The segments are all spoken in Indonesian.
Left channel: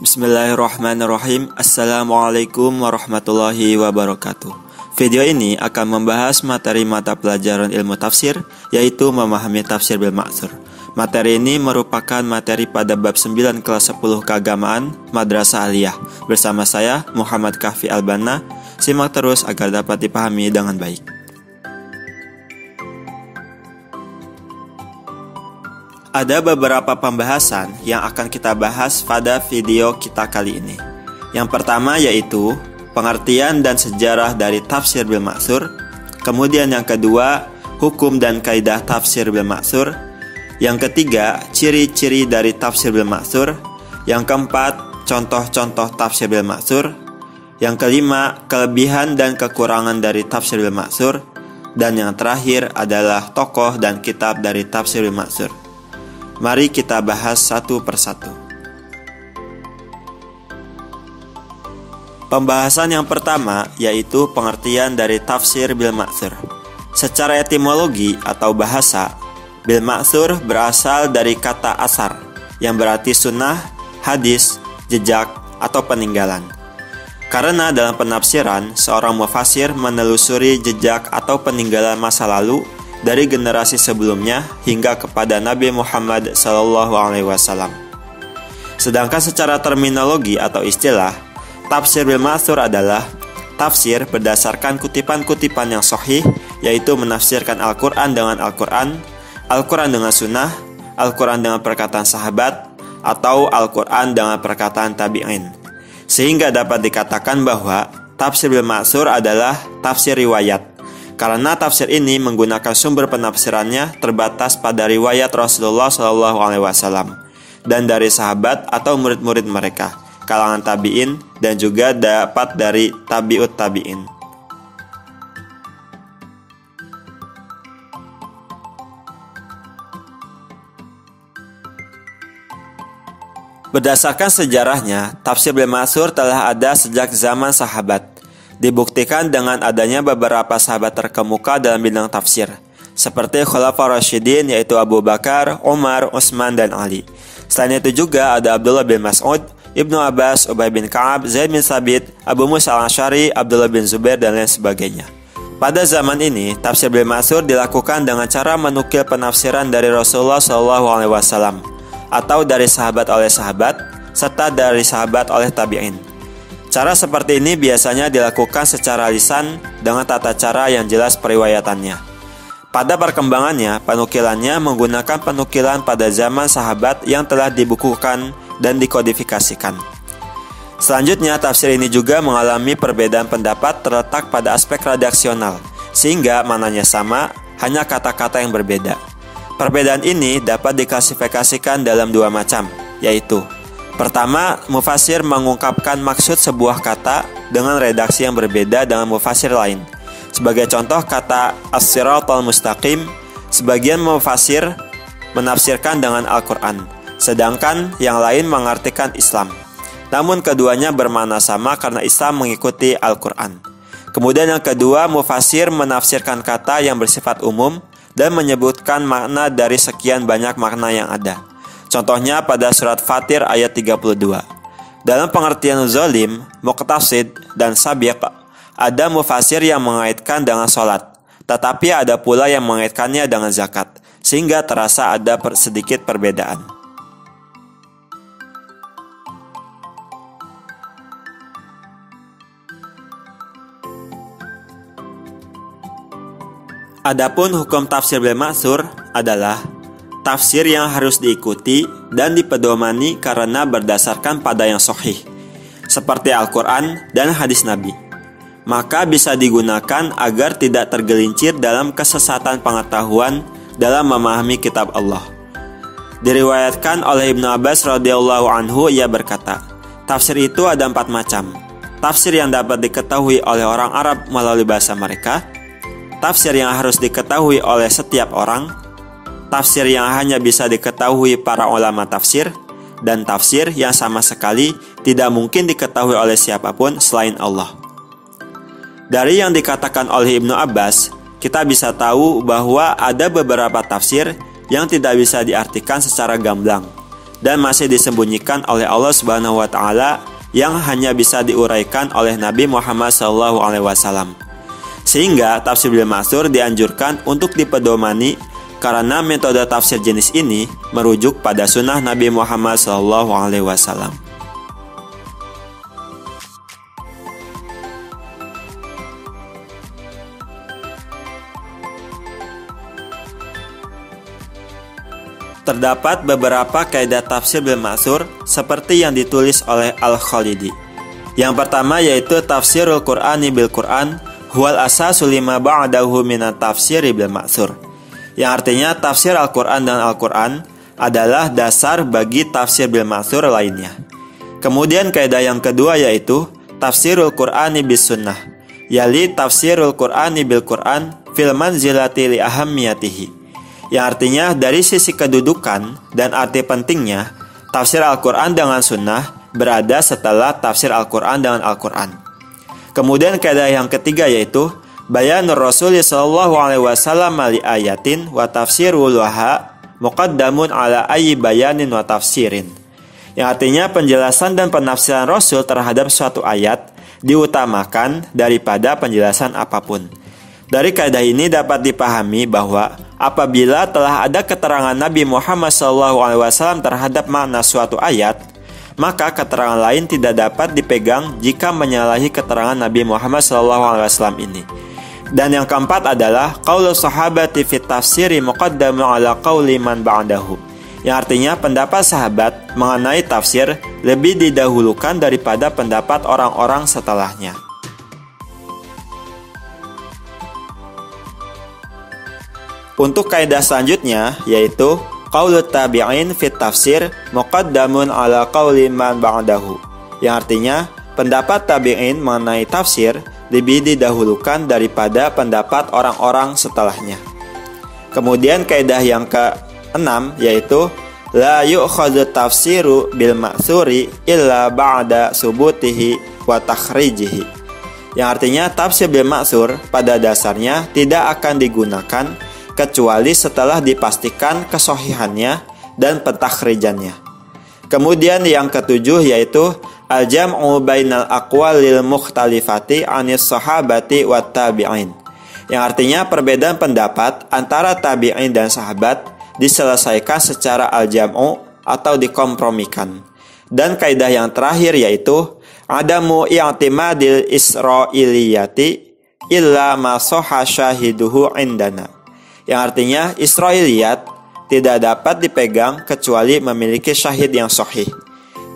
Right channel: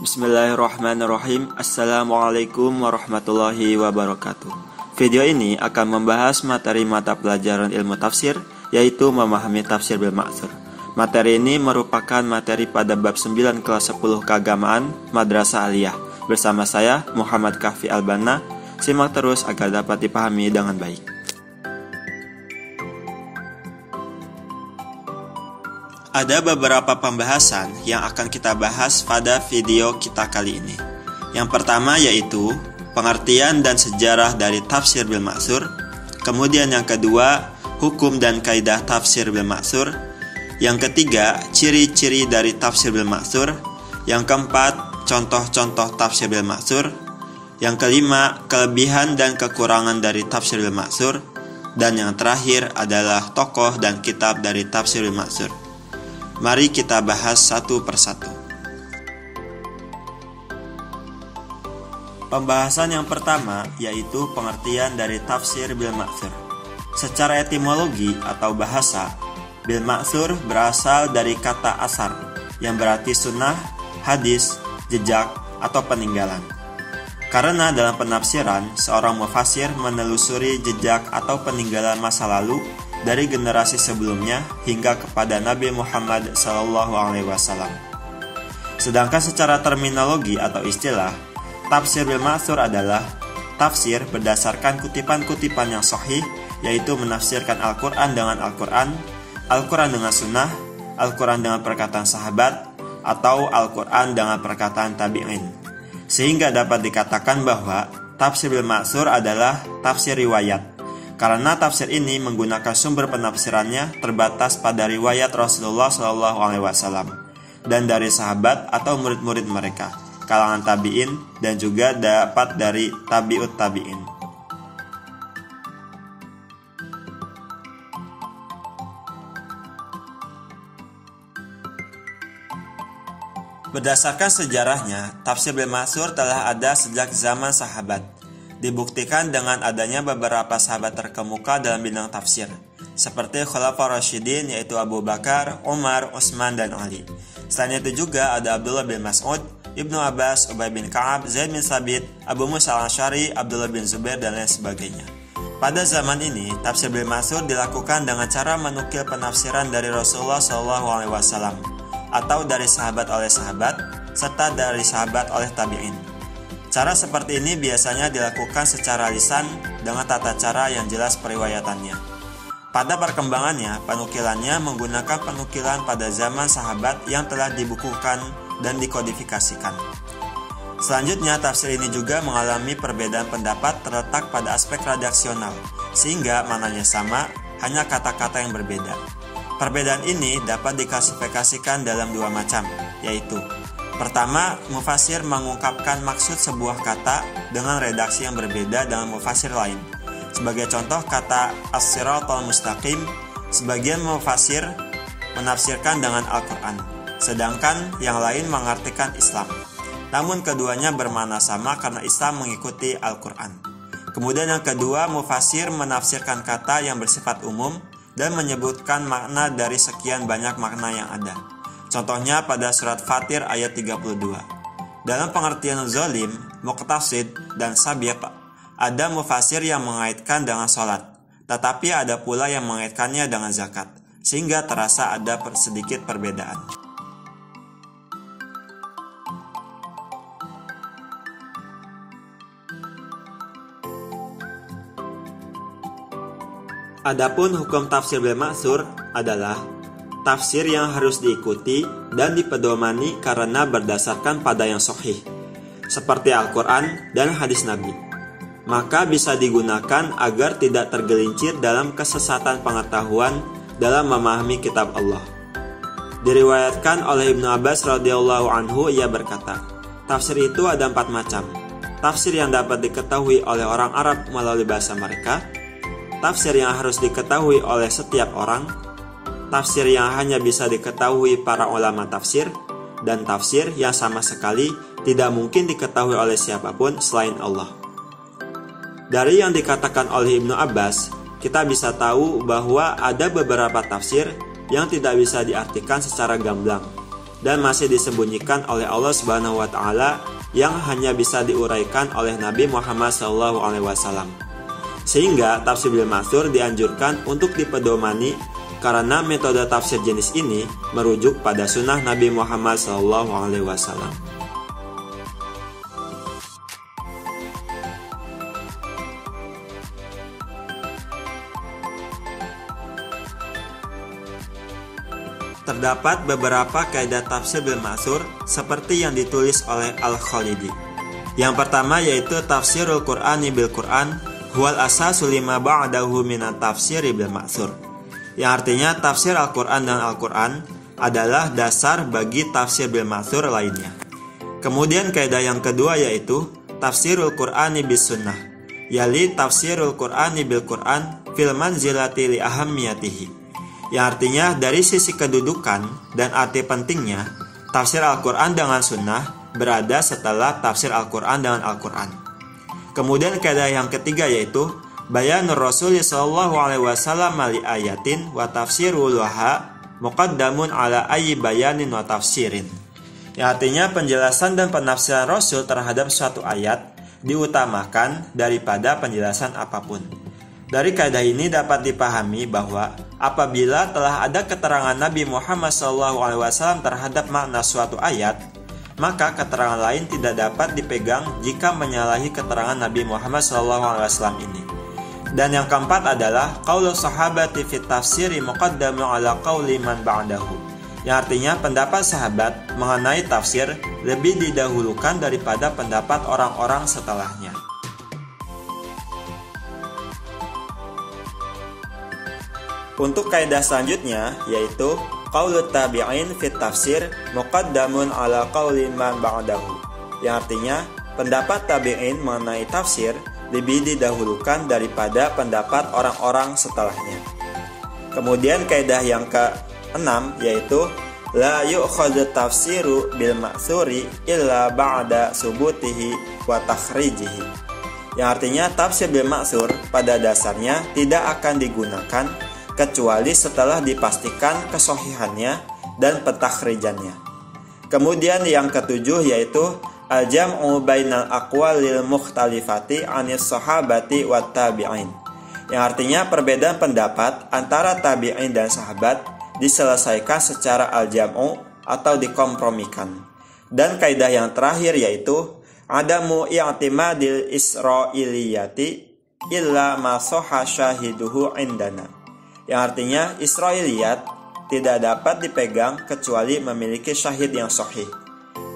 Bismillahirrahmanirrahim. Assalamualaikum warahmatullahi wabarakatuh. Video ini akan membahas materi mata pelajaran ilmu tafsir, yaitu memahami tafsir bil ma'tsur. Materi ini merupakan materi pada bab 9 kelas 10 keagamaan Madrasah Aliyah. Bersama saya Muhammad Kahfi Albana. Simak terus agar dapat dipahami dengan baik. Ada beberapa pembahasan yang akan kita bahas pada video kita kali ini. Yang pertama yaitu pengertian dan sejarah dari tafsir bil ma'tsur. Kemudian yang kedua, hukum dan kaidah tafsir bil ma'tsur. Yang ketiga, ciri-ciri dari tafsir bil ma'tsur. Yang keempat, contoh-contoh tafsir bil ma'tsur. Yang kelima, kelebihan dan kekurangan dari tafsir bil ma'tsur. Dan yang terakhir adalah tokoh dan kitab dari tafsir bil ma'tsur. Mari kita bahas satu persatu. Pembahasan yang pertama yaitu pengertian dari tafsir bil ma'tsur. Secara etimologi atau bahasa, bil ma'tsur berasal dari kata asar yang berarti sunnah, hadis, jejak, atau peninggalan. Karena dalam penafsiran, seorang mufasir menelusuri jejak atau peninggalan masa lalu dari generasi sebelumnya hingga kepada Nabi Muhammad SAW. Sedangkan secara terminologi atau istilah, tafsir bil ma'tsur adalah tafsir berdasarkan kutipan-kutipan yang sahih, yaitu menafsirkan Al-Quran dengan Al-Quran, Al-Quran dengan sunnah, Al-Quran dengan perkataan sahabat, atau Al-Quran dengan perkataan tabi'in. Sehingga dapat dikatakan bahwa tafsir bil ma'tsur adalah tafsir riwayat. Karena tafsir ini menggunakan sumber penafsirannya terbatas pada riwayat Rasulullah SAW dan dari sahabat atau murid-murid mereka, kalangan tabi'in, dan juga dapat dari tabi'ut tabi'in. Berdasarkan sejarahnya, tafsir bil ma'tsur telah ada sejak zaman sahabat. Dibuktikan dengan adanya beberapa sahabat terkemuka dalam bidang tafsir, seperti Khulafaur Rasyidin yaitu Abu Bakar, Umar, Utsman, dan Ali. Selain itu juga ada Abdullah bin Mas'ud, Ibnu Abbas, Ubay bin Ka'ab, Zaid bin Thabit, Abu Musa al-Asy'ari, Abdullah bin Zubair, dan lain sebagainya. Pada zaman ini, tafsir bil ma'tsur dilakukan dengan cara menukil penafsiran dari Rasulullah SAW atau dari sahabat oleh sahabat, serta dari sahabat oleh tabi'in. Cara seperti ini biasanya dilakukan secara lisan dengan tata cara yang jelas periwayatannya. Pada perkembangannya, penukilannya menggunakan penukilan pada zaman sahabat yang telah dibukukan dan dikodifikasikan. Selanjutnya, tafsir ini juga mengalami perbedaan pendapat terletak pada aspek redaksional, sehingga maknanya sama, hanya kata-kata yang berbeda. Perbedaan ini dapat diklasifikasikan dalam dua macam, yaitu pertama, mufasir mengungkapkan maksud sebuah kata dengan redaksi yang berbeda dengan mufasir lain. Sebagai contoh kata as-siratal mustaqim, sebagian mufasir menafsirkan dengan Al-Quran, sedangkan yang lain mengartikan Islam. Namun keduanya bermakna sama karena Islam mengikuti Al-Quran. Kemudian yang kedua, mufasir menafsirkan kata yang bersifat umum dan menyebutkan makna dari sekian banyak makna yang ada. Contohnya pada surat Fatir ayat 32. Dalam pengertian zalim, muqtasid, dan sabiq, ada mufasir yang mengaitkan dengan sholat, tetapi ada pula yang mengaitkannya dengan zakat, sehingga terasa ada sedikit perbedaan. Adapun hukum tafsir bil ma'tsur adalah tafsir yang harus diikuti dan dipedomani karena berdasarkan pada yang sahih, seperti Al-Quran dan hadis Nabi. Maka bisa digunakan agar tidak tergelincir dalam kesesatan pengetahuan dalam memahami kitab Allah. Diriwayatkan oleh Ibnu Abbas radhiyallahu anhu, ia berkata, tafsir itu ada 4 macam. Tafsir yang dapat diketahui oleh orang Arab melalui bahasa mereka, tafsir yang harus diketahui oleh setiap orang, tafsir yang hanya bisa diketahui para ulama tafsir, dan tafsir yang sama sekali tidak mungkin diketahui oleh siapapun selain Allah. Dari yang dikatakan oleh Ibnu Abbas, kita bisa tahu bahwa ada beberapa tafsir yang tidak bisa diartikan secara gamblang. dan masih disembunyikan oleh Allah Subhanahu wa taala yang hanya bisa diuraikan oleh Nabi Muhammad SAW. Sehingga tafsir bil ma'tsur dianjurkan untuk dipedomani karena metode tafsir jenis ini merujuk pada sunnah Nabi Muhammad SAW. Terdapat beberapa kaidah tafsir bil ma'tsur seperti yang ditulis oleh Al-Khalidi. Yang pertama yaitu tafsirul Qur'ani bil Qur'an huwal asasu lima ba'dahu minat tafsiri bil ma'tsur. Yang artinya tafsir Al-Qur'an dan Al-Qur'an adalah dasar bagi tafsir bil ma'tsur lainnya. Kemudian kaidah yang kedua yaitu tafsirul Qur'ani bis sunnah, yali tafsirul Qur'ani bil Qur'an fil manzilati li ahammiyatihi. Yang artinya dari sisi kedudukan dan arti pentingnya, tafsir Al-Quran dengan sunnah berada setelah tafsir Al-Quran dengan Al-Quran. Kemudian kaidah yang ketiga yaitu bayanur Rasul sallallahu alaihi wasallam li ayatin wa tafsirul laha muqaddamun ala ayyi bayanin wa tafsirin. Yang artinya penjelasan dan penafsiran Rasul terhadap suatu ayat diutamakan daripada penjelasan apapun. Dari kaidah ini dapat dipahami bahwa apabila telah ada keterangan Nabi Muhammad SAW terhadap makna suatu ayat, maka keterangan lain tidak dapat dipegang jika menyalahi keterangan Nabi Muhammad SAW ini. Dan yang keempat adalah qaulu sahabati fit tafsiri muqaddamu ala qauli man ba'dahu. Yang artinya pendapat sahabat mengenai tafsir lebih didahulukan daripada pendapat orang-orang setelahnya. Untuk kaidah selanjutnya yaitu qaulut tabi'in fit tafsir muqaddamun ala qauli man ba'dahu. Yang artinya pendapat tabi'in mengenai tafsir lebih didahulukan daripada pendapat orang-orang setelahnya. Kemudian kaidah yang ke-6 yaitu la yu'khadhu tafsiru bil ma'tsuri illa ba'da subutihi wa takhrijihi. Yang artinya tafsir bil ma'tsur pada dasarnya tidak akan digunakan kecuali setelah dipastikan kesohihannya dan pentakhrijannya. Kemudian yang ketujuh yaitu al-jam'u bainal aqwalil mukhtalifati anis sahabati wat tabi'in. Yang artinya perbedaan pendapat antara tabi'in dan sahabat diselesaikan secara al-jam'u atau dikompromikan. Dan kaidah yang terakhir yaitu adamu i'timadil isra'iliyati illa ma sahha syahiduhu indana. Yang artinya Israiliyat tidak dapat dipegang kecuali memiliki syahid yang sahih.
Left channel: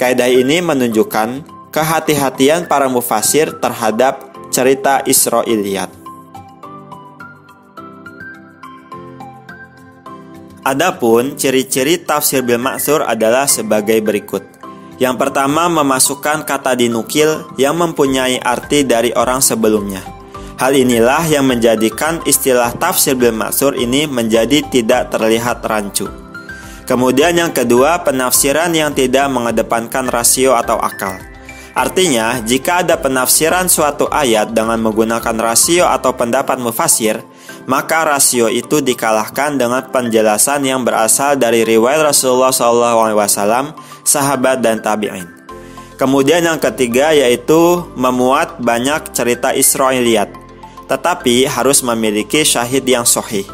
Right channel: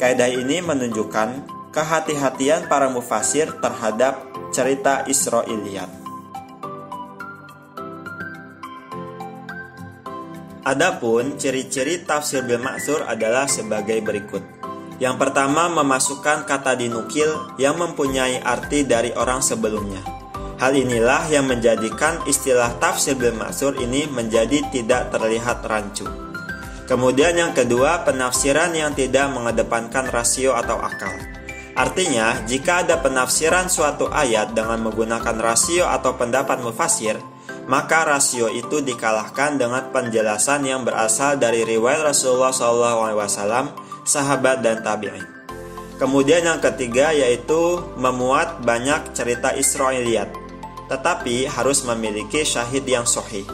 Kaidah ini menunjukkan kehati-hatian para mufasir terhadap cerita Israiliyat. Adapun ciri-ciri tafsir bil ma'tsur adalah sebagai berikut. Yang pertama, memasukkan kata dinukil yang mempunyai arti dari orang sebelumnya. Hal inilah yang menjadikan istilah tafsir bil ma'tsur ini menjadi tidak terlihat rancu. Kemudian yang kedua, penafsiran yang tidak mengedepankan rasio atau akal. Artinya, jika ada penafsiran suatu ayat dengan menggunakan rasio atau pendapat mufasir, maka rasio itu dikalahkan dengan penjelasan yang berasal dari riwayat Rasulullah SAW, sahabat dan tabi'in. Kemudian yang ketiga yaitu memuat banyak cerita Israiliyat, tetapi harus memiliki syahid yang sahih.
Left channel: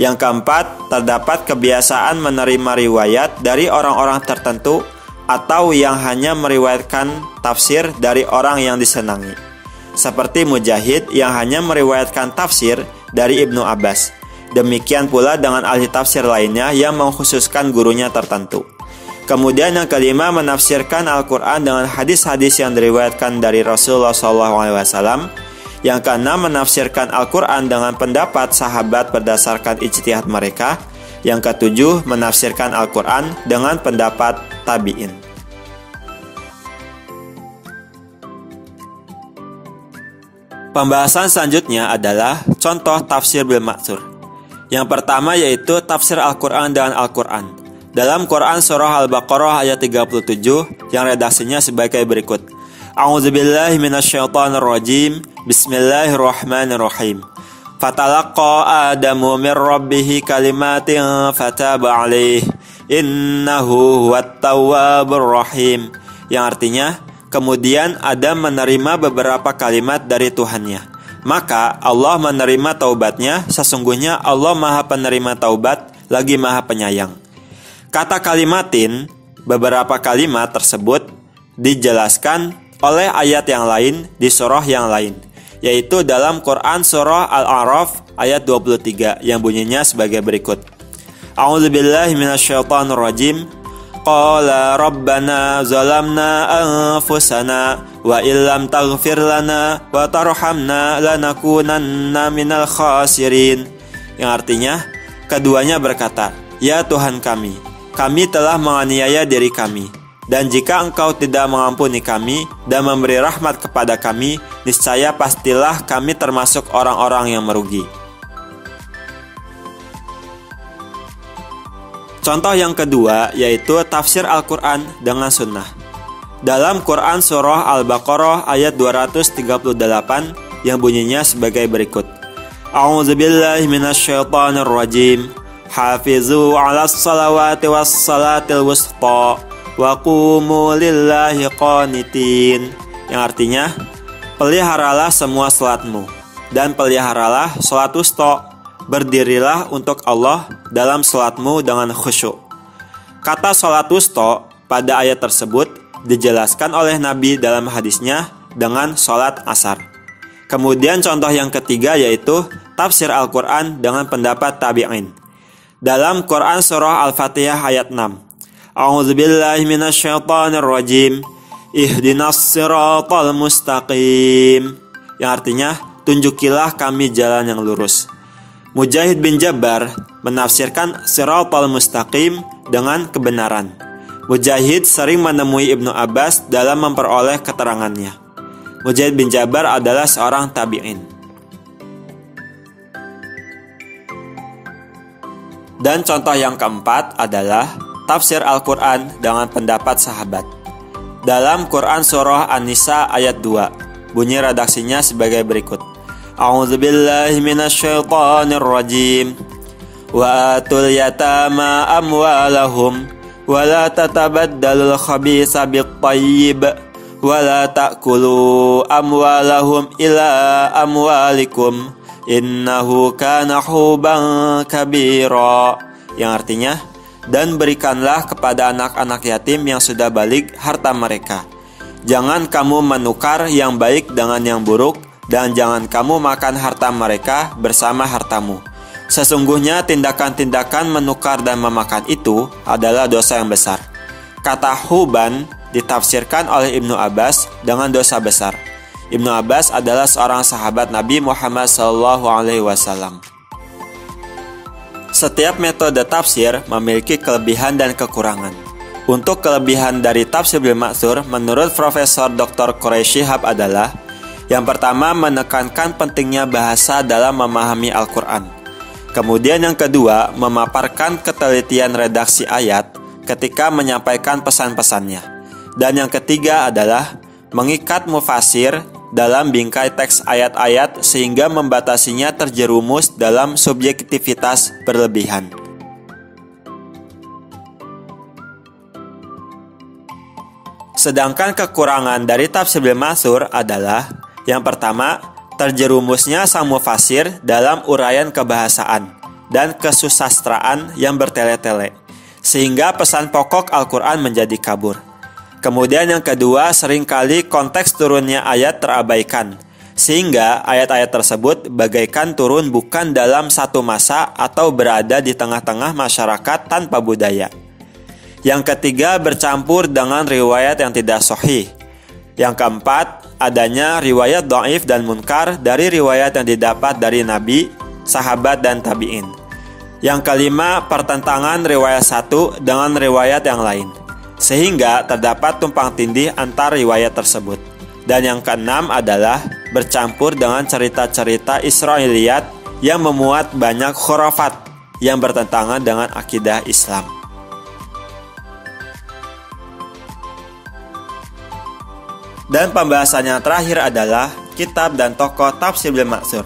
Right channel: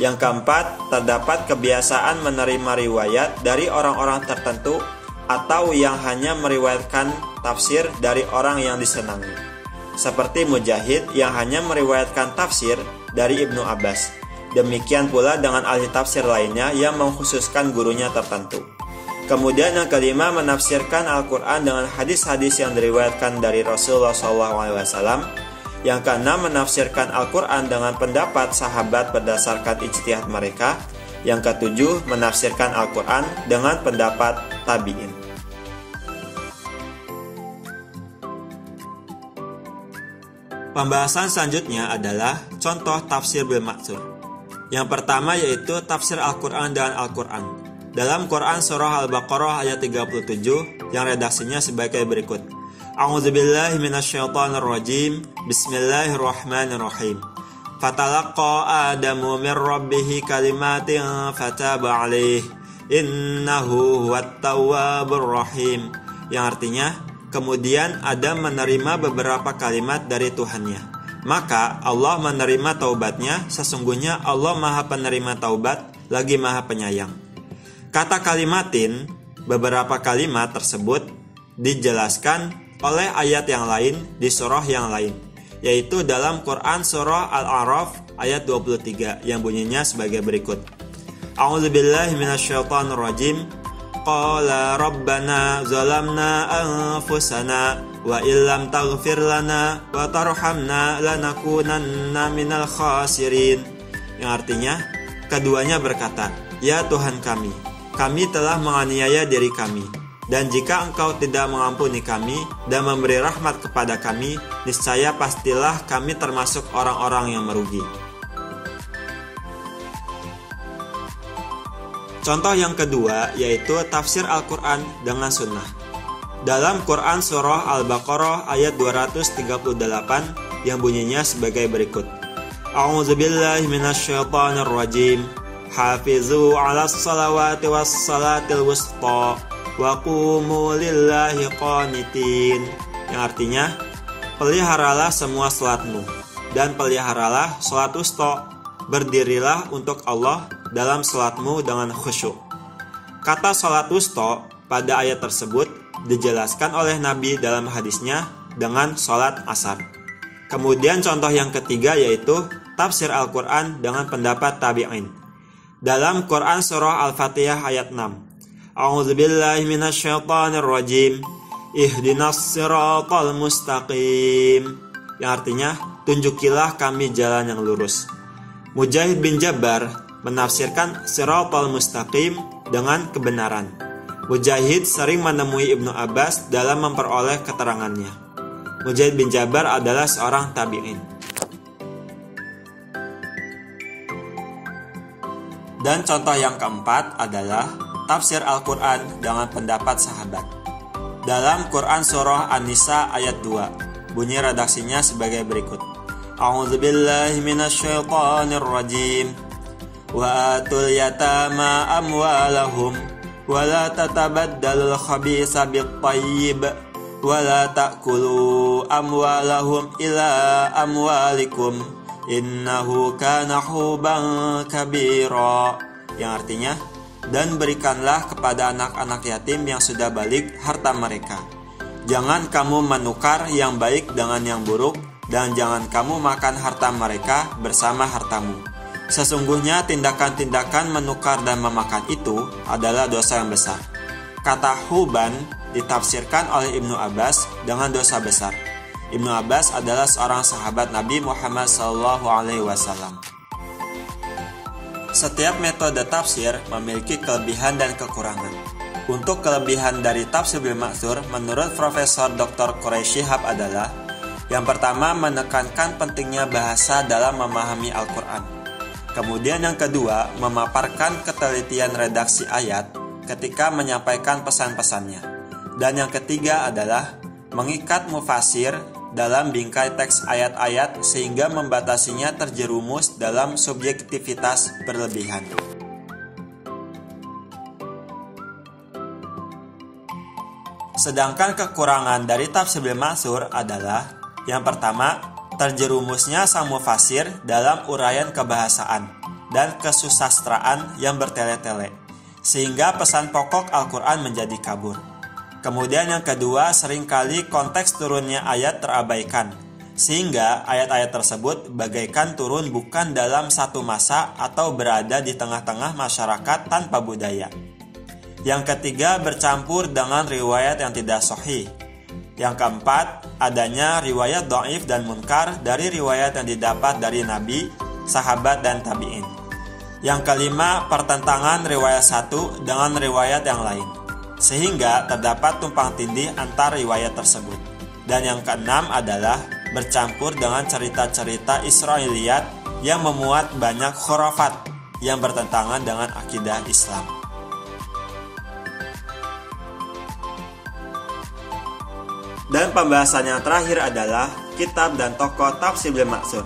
Yang keempat, terdapat kebiasaan menerima riwayat dari orang-orang tertentu atau yang hanya meriwayatkan tafsir dari orang yang disenangi. Seperti Mujahid yang hanya meriwayatkan tafsir dari Ibnu Abbas. Demikian pula dengan ahli tafsir lainnya yang mengkhususkan gurunya tertentu. Kemudian yang kelima, menafsirkan Al-Quran dengan hadis-hadis yang diriwayatkan dari Rasulullah SAW. Yang keenam, menafsirkan Al-Quran dengan pendapat sahabat berdasarkan ijtihad mereka. Yang ketujuh, menafsirkan Al-Quran dengan pendapat tabi'in. Pembahasan selanjutnya adalah contoh tafsir bil ma'tsur. Yang pertama yaitu tafsir Al-Quran dengan Al-Quran. Dalam Quran surah Al-Baqarah ayat 37 yang redaksinya sebagai berikut. A'udzubillahi minasyaitonirrajim. Bismillahirrahmanirrahim. Fatalaqa Adamu min rabbih kalimatin fataba alaihi innahu huwat tawwabur rahim, yang artinya kemudian Adam menerima beberapa kalimat dari Tuhannya. Maka Allah menerima taubatnya, sesungguhnya Allah Maha Penerima Taubat lagi Maha Penyayang. Kata kalimatin, beberapa kalimat tersebut dijelaskan oleh ayat yang lain di surah yang lain, yaitu dalam Quran surah Al-A'raf ayat 23 yang bunyinya sebagai berikut. A'udzubillahi minasyaitonirrajim. Qala rabbana zalamna anfusana wa illam taghfir lana wa tarhamna lanakunanna minal khasirin. Yang artinya, keduanya berkata, "Ya Tuhan kami telah menganiaya diri kami, dan jika Engkau tidak mengampuni kami dan memberi rahmat kepada kami, niscaya pastilah kami termasuk orang-orang yang merugi." Contoh yang kedua yaitu tafsir Al-Quran dengan sunnah. Dalam Quran surah Al-Baqarah ayat 238 yang bunyinya sebagai berikut. A'udzubillahi minasyaitonirrajim. Hafizu 'alas salawati was salatil wusta wa qumu lillahi qanitin. Yang artinya, peliharalah semua salatmu dan peliharalah salat wusta. Berdirilah untuk Allah dalam salatmu dengan khusyuk. Kata salat wusta pada ayat tersebut dijelaskan oleh Nabi dalam hadisnya dengan salat asar. Kemudian contoh yang ketiga yaitu tafsir Al-Quran dengan pendapat tabi'in. Dalam Quran surah Al-Fatihah ayat 6. A'udzubillahi minasyaitonirrajim. Ihdinas siratal mustaqim. Yang artinya, tunjukilah kami jalan yang lurus. Mujahid bin Jabbar menafsirkan siratal mustaqim dengan kebenaran. Mujahid sering menemui Ibnu Abbas dalam memperoleh keterangannya. Mujahid bin Jabbar adalah seorang tabi'in. Dan contoh yang keempat adalah tafsir Al-Quran dengan pendapat sahabat. Dalam Quran surah An-Nisa ayat 2, bunyi redaksinya sebagai berikut. A'udzubillahi minasyaitonir rajim. Wa atul yatama amwalahum wa la tatabaddalul khabisa bit-thayyib wa la ta'kulu amwalahum ila amwalikum innahu kana huban kabira. Yang artinya, dan berikanlah kepada anak-anak yatim yang sudah balik harta mereka. Jangan kamu menukar yang baik dengan yang buruk, dan jangan kamu makan harta mereka bersama hartamu. Sesungguhnya tindakan-tindakan menukar dan memakan itu adalah dosa yang besar. Kata huban ditafsirkan oleh Ibnu Abbas dengan dosa besar. Ibnu Abbas adalah seorang sahabat Nabi Muhammad SAW. Setiap metode tafsir memiliki kelebihan dan kekurangan. Untuk kelebihan dari tafsir bil ma'tsur menurut Profesor Dr. Quraisy Shihab adalah: yang pertama, menekankan pentingnya bahasa dalam memahami Al-Quran. Kemudian yang kedua, memaparkan ketelitian redaksi ayat ketika menyampaikan pesan-pesannya. Dan yang ketiga adalah mengikat mufasir dalam bingkai teks ayat-ayat sehingga membatasinya terjerumus dalam subjektivitas berlebihan. Sedangkan kekurangan dari tafsir bil ma'tsur adalah: yang pertama, terjerumusnya sang mufasir dalam uraian kebahasaan dan kesusastraan yang bertele-tele, sehingga pesan pokok Al-Quran menjadi kabur. Kemudian yang kedua, seringkali konteks turunnya ayat terabaikan, sehingga ayat-ayat tersebut bagaikan turun bukan dalam satu masa atau berada di tengah-tengah masyarakat tanpa budaya. Yang ketiga, bercampur dengan riwayat yang tidak sahih. Yang keempat, adanya riwayat dhaif dan munkar dari riwayat yang didapat dari Nabi, sahabat, dan tabi'in. Yang kelima, pertentangan riwayat satu dengan riwayat yang lain, sehingga terdapat tumpang tindih antar riwayat tersebut. Dan yang keenam adalah bercampur dengan cerita-cerita Israiliyat yang memuat banyak khurafat yang bertentangan dengan akidah Islam. Dan pembahasan yang terakhir adalah kitab dan tokoh tafsir bil ma'tsur.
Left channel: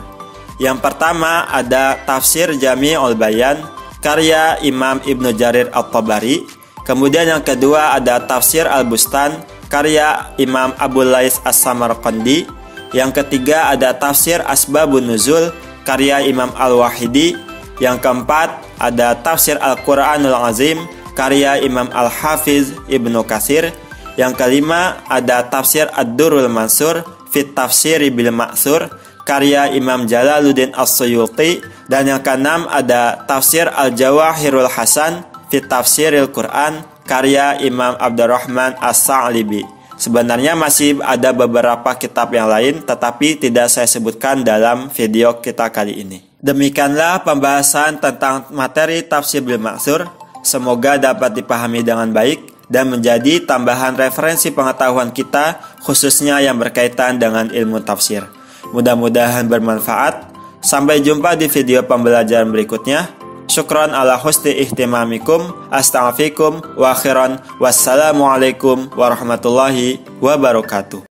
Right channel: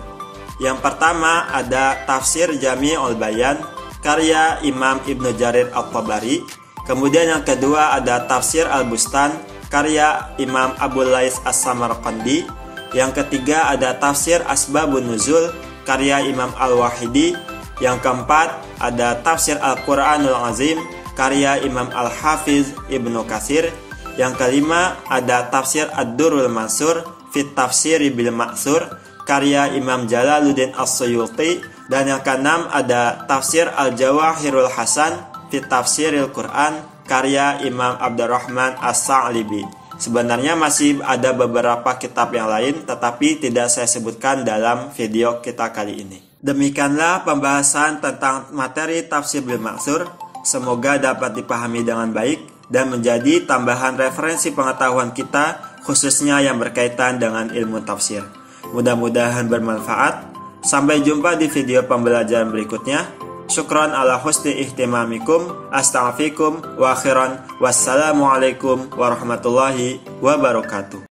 Yang pertama ada tafsir Jami'ul Bayan karya Imam Ibnu Jarir At-Tabari. Kemudian yang kedua ada Tafsir Al-Bustan, karya Imam Abu Lais As-Samarqandi. Yang ketiga ada Tafsir Asbabun Nuzul, karya Imam Al-Wahidi. Yang keempat ada Tafsir Al-Quranul Azim, karya Imam Al-Hafiz Ibnu Katsir. Yang kelima ada Tafsir Ad-Durrul Mansur Fit Tafsiri Bil Ma'sur, karya Imam Jalaluddin As-Suyuti. Dan yang keenam ada Tafsir Al-Jawahirul Hasan Fit Tafsiril Quran, karya Imam Abdurrahman As-Sa'libi. Sebenarnya masih ada beberapa kitab yang lain, tetapi tidak saya sebutkan dalam video kita kali ini. Demikianlah pembahasan tentang materi Tafsir Bil Ma'sur. Semoga dapat dipahami dengan baik dan menjadi tambahan referensi pengetahuan kita, khususnya yang berkaitan dengan ilmu tafsir. Mudah-mudahan bermanfaat. Sampai jumpa di video pembelajaran berikutnya. Syukran ala husni ihtimamikum. Astaghfirukum wa akhiran. Wassalamualaikum warahmatullahi wabarakatuh.